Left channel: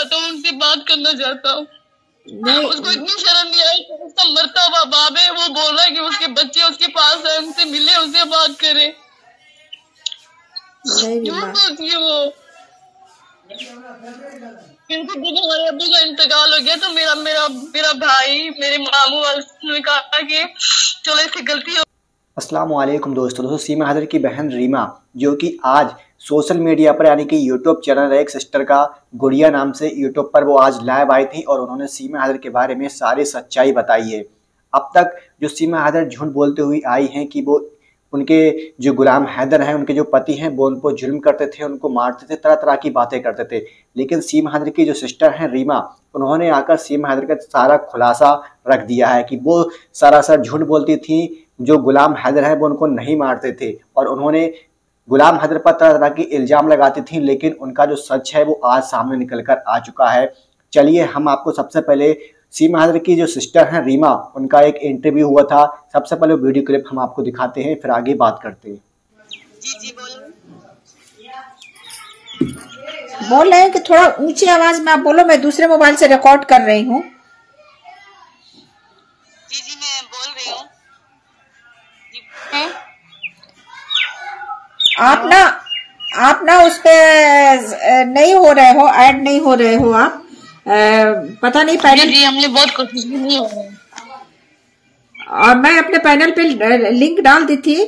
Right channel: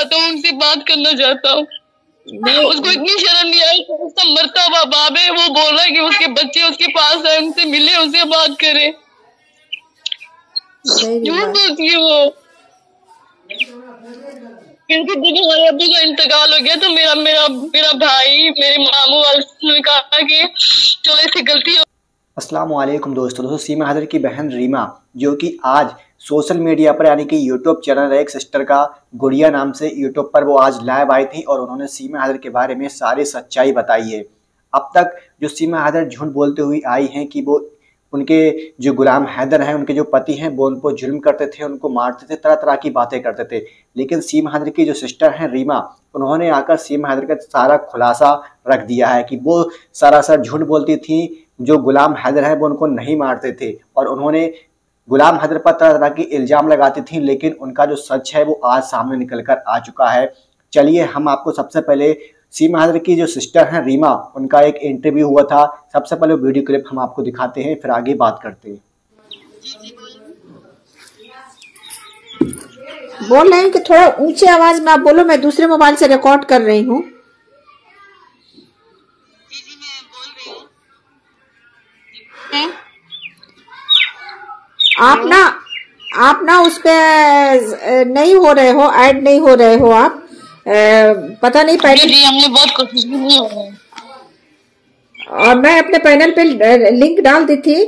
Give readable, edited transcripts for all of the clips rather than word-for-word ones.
चाहता हूँ, उनसे बात करना चाहता हूँ। उसको इतनी शर्म नहीं आई, उसका मरता हुआ बाप है, वो बोल रहा है कि उसके बच्चे उसके पास है, उनसे मिले, उनसे बात करे। झूठ बोलती है वो। क्योंकि जब हमारे अब्बू का इंतकाल हो गया तो मेरा मेरा मेरा भाई, मेरे मामू वाले ने कहा कि चलो इससे गलती हो। अस्सलाम वालेकुम दोस्तों, सीमा हैदर की बहन रीमा जो कि आज सोशल मीडिया पर यानी कि यूट्यूब चैनल है एक सिस्टर का, गुड़िया नाम से यूट्यूब पर वो आज लाइव आई थी और उन्होंने सीमा हैदर के बारे में सारी सच्चाई बताई है। अब तक जो सीमा हैदर झूठ बोलते हुए आई हैं कि वो उनके जो गुलाम हैदर हैं, उनके जो पति हैं, वो उनको जुल्म करते थे, उनको मारते थे, तरह तरह की बातें करते थे। लेकिन सीमा हैदर की जो सिस्टर हैं रीमा, उन्होंने आकर सीमा हैदर का सारा खुलासा रख दिया है कि वो सरासर झूठ बोलती थी, जो गुलाम हैदर है वो उनको नहीं मारते थे और उन्होंने गुलाम हैदर पर तरह तरह की इल्ज़ाम लगाती थी। लेकिन उनका जो सच है वो आज सामने निकल कर आ चुका है। चलिए हम आपको सबसे पहले सीमा हैदर की जो सिस्टर हैं रीमा, उनका एक इंटरव्यू हुआ था, सबसे पहले वीडियो क्लिप हम आपको दिखाते हैं, फिर आगे बात करते हैं। बोल रहे हैं कि थोड़ा ऊंची आवाज में आप बोलो, मैं दूसरे मोबाइल से रिकॉर्ड कर रही हूँ। जी मैं बोल रही हूँ। आप ना उस पे नहीं हो रहे हो, ऐड नहीं हो रहे हो आप, पता नहीं पहले। जी हमने बहुत कोशिश भी नहीं हो रहा है। और मैं अपने पैनल पे लिंक डाल दी थी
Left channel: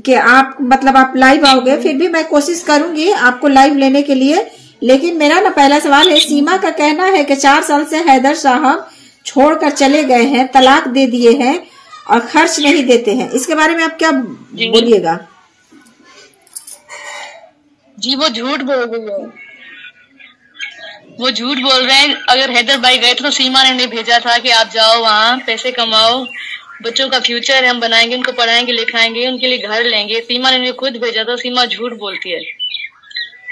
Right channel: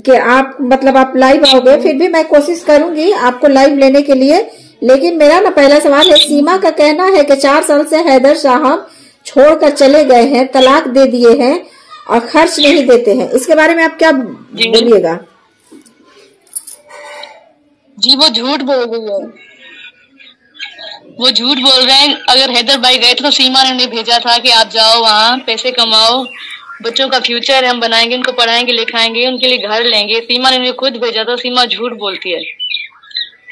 कि आप मतलब आप लाइव आओगे, फिर भी मैं कोशिश करूंगी आपको लाइव लेने के लिए। लेकिन मेरा ना पहला सवाल है, सीमा का कहना है कि 4 साल से हैदर साहब छोड़कर चले गए हैं, तलाक दे दिए हैं और खर्च नहीं देते हैं। इसके बारे में आप क्या बोलिएगा? जी वो झूठ बोल रही है, वो झूठ बोल रहे हैं। अगर हैदर भाई गए तो सीमा ने उन्हें भेजा था कि आप जाओ वहाँ पैसे कमाओ, बच्चों का फ्यूचर है, हम बनाएंगे, उनको पढ़ाएंगे लिखाएंगे, उनके लिए घर लेंगे। सीमा ने उन्हें खुद भेजा था। सीमा झूठ बोलती है।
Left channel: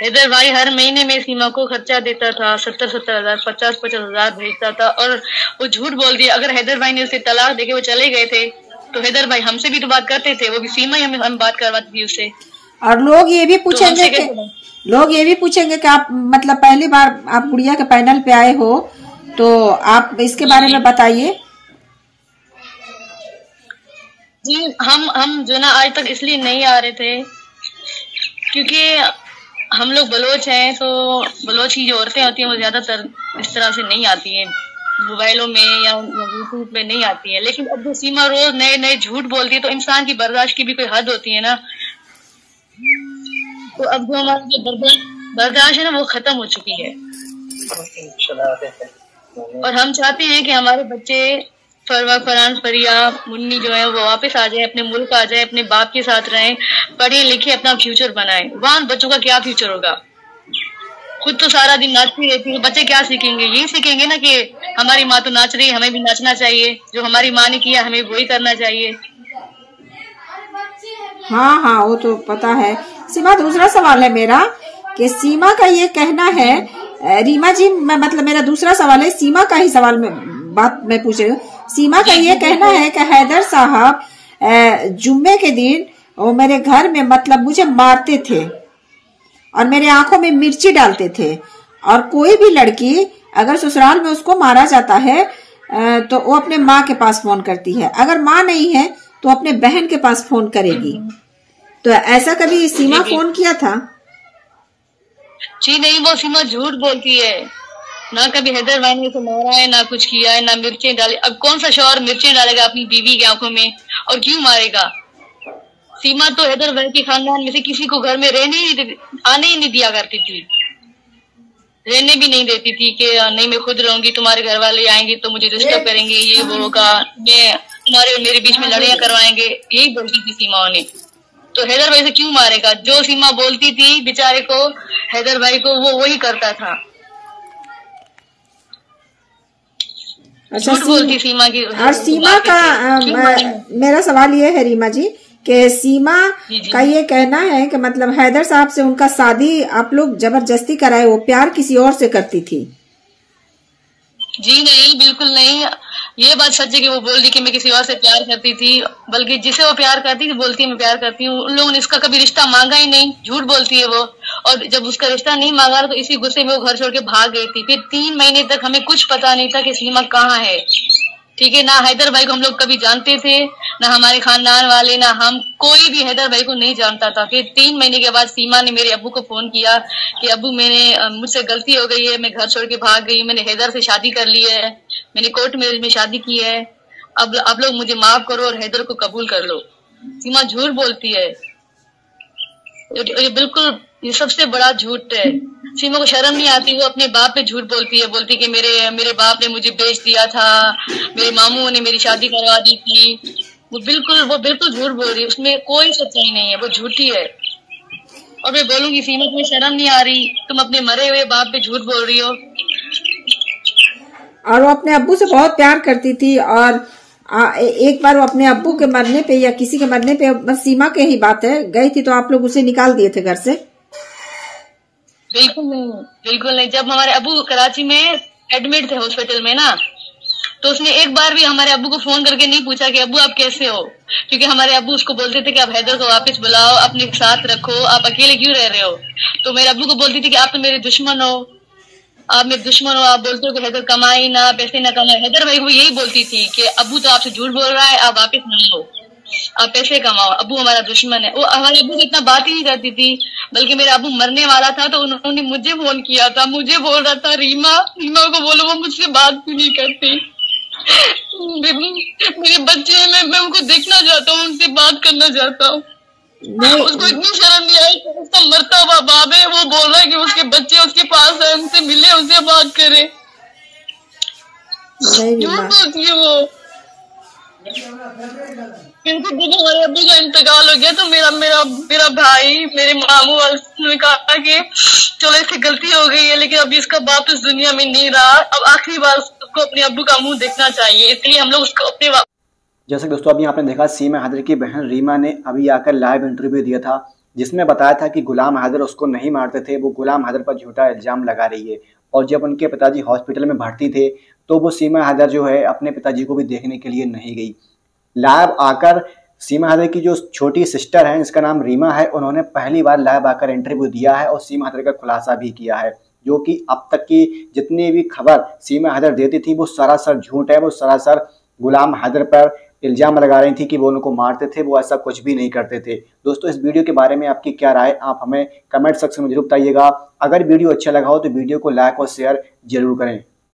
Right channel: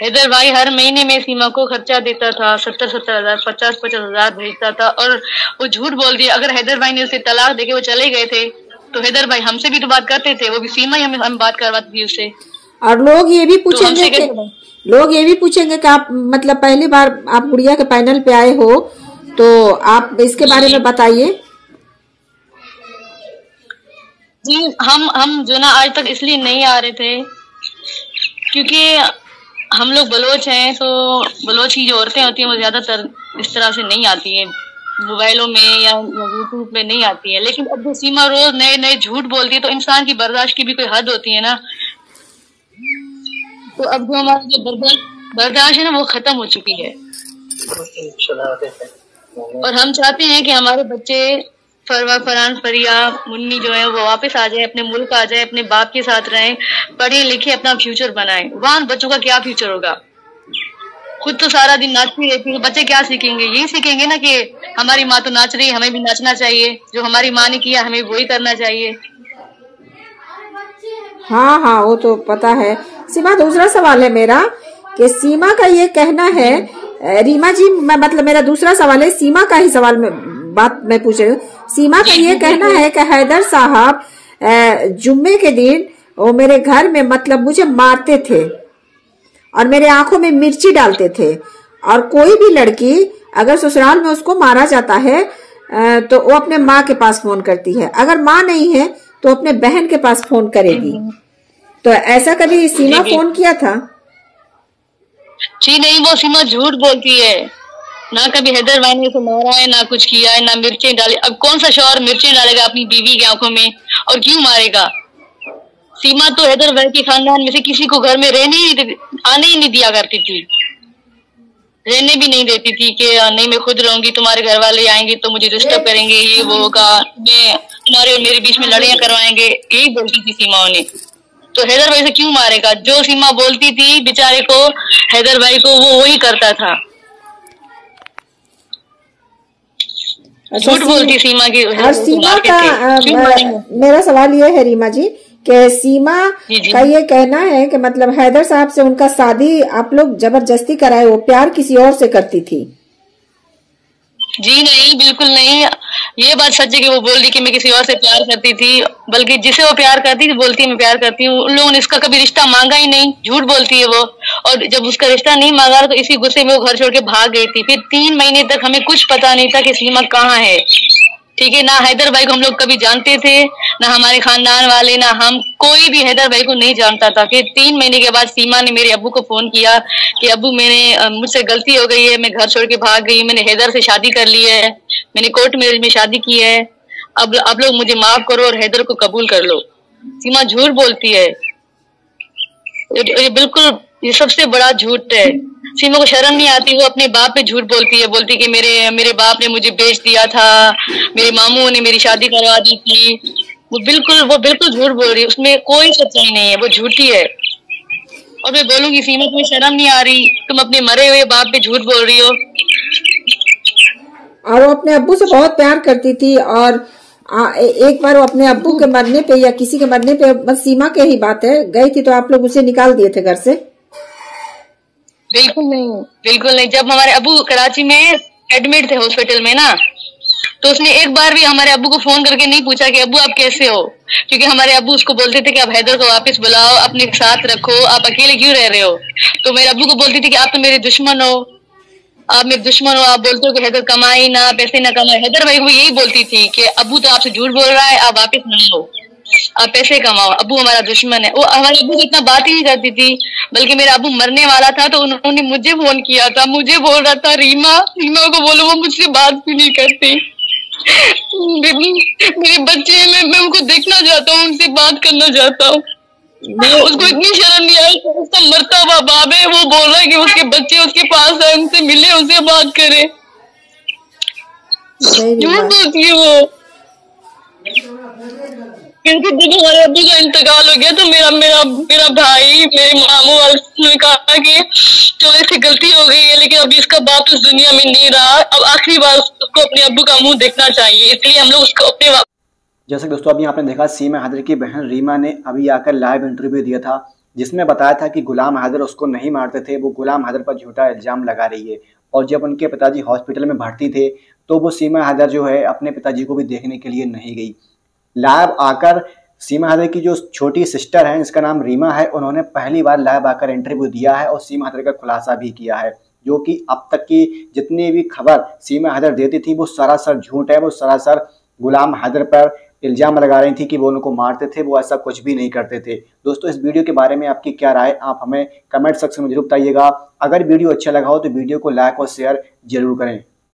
हैदर भाई हर महीने में सीमा को खर्चा देता था, 70-70 हजार, 50-50 हजार भेजता था और वो झूठ बोल दिया। अगर हैदर भाई ने उसे तलाक देके वो चले गए थे तो हैदर भाई हमसे भी तो बात करते थे, वो भी सीमा ही हम बात करवाती थी उससे। और लोग ये भी पूछेंगे कि आप मतलब पहली बार आप गुड़िया के पैनल पे आए हो, तो आप इसके बारे में बताइए। जी हम जो ना आज तक इसलिए नहीं आ रहे थे क्योंकि हम लोग बलोच हैं, तो बलोच की जो औरतें होती हैं वो ज्यादातर इस तरह से नहीं आती हैं, मोबाइलों में या यूट्यूब में नहीं आती है। लेकिन अब जो सीमा रोज नए नए झूठ बोलती है तो इंसान की बर्दाश्त की भी कोई हद होती है ना। तो अब जो हमारी जो बर्दाश्त है ना वो खत्म हो चुकी है और हम चाहते हैं कि हमारे बच्चे फरवा, फरहान, फरिया, मुन्नी जो है वो वापस आ जाए, अपने मुल्क आ जाए, अपने बाप के साथ रहें, पढ़े लिखे, अपना फ्यूचर बनाएं। वहाँ बच्चों का क्या फ्यूचर होगा? खुद तो सारा दिन नाचती रहती है, बच्चे क्या सीखेंगे? यही सीखेंगे ना कि हमारी माँ तो नाच रही है, हमें भी नाचना चाहिए, जो हमारी माँ ने किया हमें वही करना चाहिए। हाँ वो तो पता है। सीमा, दूसरा सवाल है मेरा कि सीमा का ये कहना है, रीमा जी मैं मतलब मेरा दूसरा सवाल है, सीमा का ही सवाल में बात मैं पूछ रही हूँ। सीमा का ये कहना है कि हैदर साहब जुम्मे के दिन वो मेरे घर में मतलब मुझे मारते थे और मेरे आंखों में मिर्ची डालते थे, और कोई भी लड़की अगर ससुराल में उसको मारा जाता है तो वो अपने माँ के पास फोन करती है, अगर माँ नहीं है तो अपने बहन के पास फोन करेगी। तो ऐसा कभी सीमा फोन किया था? जी नहीं, वो सीमा झूठ बोलती है। ना कभी हैदर भाई ने उसे मारा है, ना कुछ किया है, ना मिर्चें डाली। अब कौन सा शौहर मिर्चें डालेगा अपनी बीवी की आंखों में, और क्यों मारेगा? सीमा तो हैदर भाई के खानदान में से किसी को घर में आने ही नहीं दिया करती थी, रहने भी नहीं देती थी कि नहीं मैं खुद रहूंगी, तुम्हारे घर वाले आएंगे तो मुझे डिस्टर्ब करेंगे, ये वो होगा, मैं तुम्हारे और मेरे बीच में लड़ाइयां करवाएंगे, यही बोलती थी सीमा ने। तो हैदर भाई से क्यों मारेगा? जो सीमा बोलती थी बेचारे को, हैदर भाई को, वो वही करता था। झूठ बोलती सीमा की। और सीमा का मेरा सवाल ये है रीमा जी कि सीमा का ये कहना है कि मतलब हैदर साहब से उनका शादी आप लोग जबरदस्ती कराए, वो प्यार किसी और से करती थी। जी नहीं, बिल्कुल नहीं। ये बात सच है कि वो बोल रही कि मैं किसी और से प्यार करती थी, बल्कि जिसे वो प्यार करती थी बोलती है मैं प्यार करती हूँ। उन लोगों ने इसका कभी रिश्ता मांगा ही नहीं, झूठ बोलती है वो। और जब उसका रिश्ता नहीं मांगा तो इसी गुस्से में वो घर छोड़ के भाग गई थी। फिर 3 महीने तक हमें कुछ पता नहीं था कि सीमा कहाँ है, ठीक है। ना हैदर भाई को हम लोग कभी जानते थे, ना हमारे खानदान वाले, ना हम, कोई भी हैदर भाई को नहीं जानता था। फिर 3 महीने के बाद सीमा ने मेरे अब्बू को फोन किया कि अब्बू मुझसे गलती हो गई है, मैं घर छोड़ के भाग गई, मैंने हैदर से शादी कर ली है, मैंने कोर्ट मैरिज में शादी की है, अब आप लोग मुझे माफ करो और हैदर को कबूल कर लो। सीमा झूठ बोलती है, ये बिल्कुल, ये सबसे बड़ा झूठ है। सीमा को शर्म नहीं आती, वो अपने बाप पे झूठ बोलती है, बोलती कि मेरे बाप ने मुझे बेच दिया था, मेरे मामू ने मेरी शादी करवा दी थी। वो बिल्कुल झूठ बोल रही है, उसमें कोई सच्चाई नहीं है, वो झूठी है। और मैं बोलूंगी सीमा तुम्हें शर्म नहीं आ रही, तुम अपने मरे हुए बाप पे झूठ बोल रही हो। और वो अपने अब्बू से बहुत प्यार करती थी, और एक बार वो अपने अब्बू के मरने पे या किसी के मरने पे, बस सीमा के ही बात है, गई थी तो आप लोग उसे निकाल दिए थे घर से? बिल्कुल नहीं। जब हमारे अब्बू कराची में एडमिट थे हॉस्पिटल में ना, तो उसने एक बार भी हमारे अब्बू को फोन करके नहीं पूछा कि अब्बू आप कैसे हो, क्योंकि हमारे अब्बू उसको बोलते थे कि आप हैदर को वापस बुलाओ, अपने साथ रखो, आप अकेले क्यों रह रहे हो। तो मेरे अब्बू को बोलती थी कि आप तो मेरे दुश्मन हो, आप मेरे दुश्मन हो, आप बोलते हो कि हैदर कमाई ना, पैसे ना कमाए। हैदर भाई को यही बोलती थी कि अब्बू तो आपसे झूठ बोल रहा है, आप वापस ना लो, आप पैसे कमाओ, अब्बू हमारा दुश्मन है। वो हमारे अब्बू से इतना बात ही नहीं करती थी, बल्कि मेरा अब्बू मरने वाला था तो उन्होंने मुझे फोन किया था, मुझे बोल रहा था रीमा को बोलो वो मुझसे बात भी नहीं करती, मेरे बच्चे हैं, मैं उनको देखना चाहता हूँ, उनसे बात करना चाहता हूँ। उसको इतनी शर्म नहीं आई, उसका मरता हुआ बाप है, वो बोल रहा है कि उसके बच्चे उसके पास है, उनसे मिले, उनसे बात करे। झूठ बोलती है वो। क्योंकि जब हमारे अब्बू का इंतकाल हो गया तो मेरा भाई, मेरे मामू वाले ने कहा कि चलो इससे गलती हो गई है, लेकिन अभी इसका बाप इस दुनिया में नहीं रहा, अब आखिरी बार उसको अपने अब्बू का मुंह देखना चाहिए, इसलिए हम लोग उसको अपने। जैसे दोस्तों अभी आपने देखा सीमा हैदर की बहन रीमा ने अभी आकर लाइव इंटरव्यू दिया था, जिसमें बताया था कि गुलाम हैदर उसको नहीं मारते थे, वो गुलाम हैदर पर झूठा इल्जाम लगा रही है। और जब उनके पिताजी हॉस्पिटल में भर्ती थे तो वो सीमा हैदर जो है अपने पिताजी को भी देखने के लिए नहीं गई। लाइव आकर सीमा हैदर की जो छोटी सिस्टर है, इसका नाम रीमा है, उन्होंने पहली बार लाइव आकर इंटरव्यू दिया है और सीमा हैदर का खुलासा भी किया है, जो कि अब तक की जितनी भी खबर सीमा हैदर देती थी वो सरासर झूठ है। वो सरासर गुलाम हैदर पर इल्जाम लगा रही थी कि वो उनको मारते थे, वो ऐसा कुछ भी नहीं करते थे। दोस्तों इस वीडियो के बारे में आपकी क्या राय, आप हमें कमेंट सेक्शन में जरूर बताइएगा। अगर वीडियो अच्छा लगा हो तो वीडियो को लाइक और शेयर जरूर करें।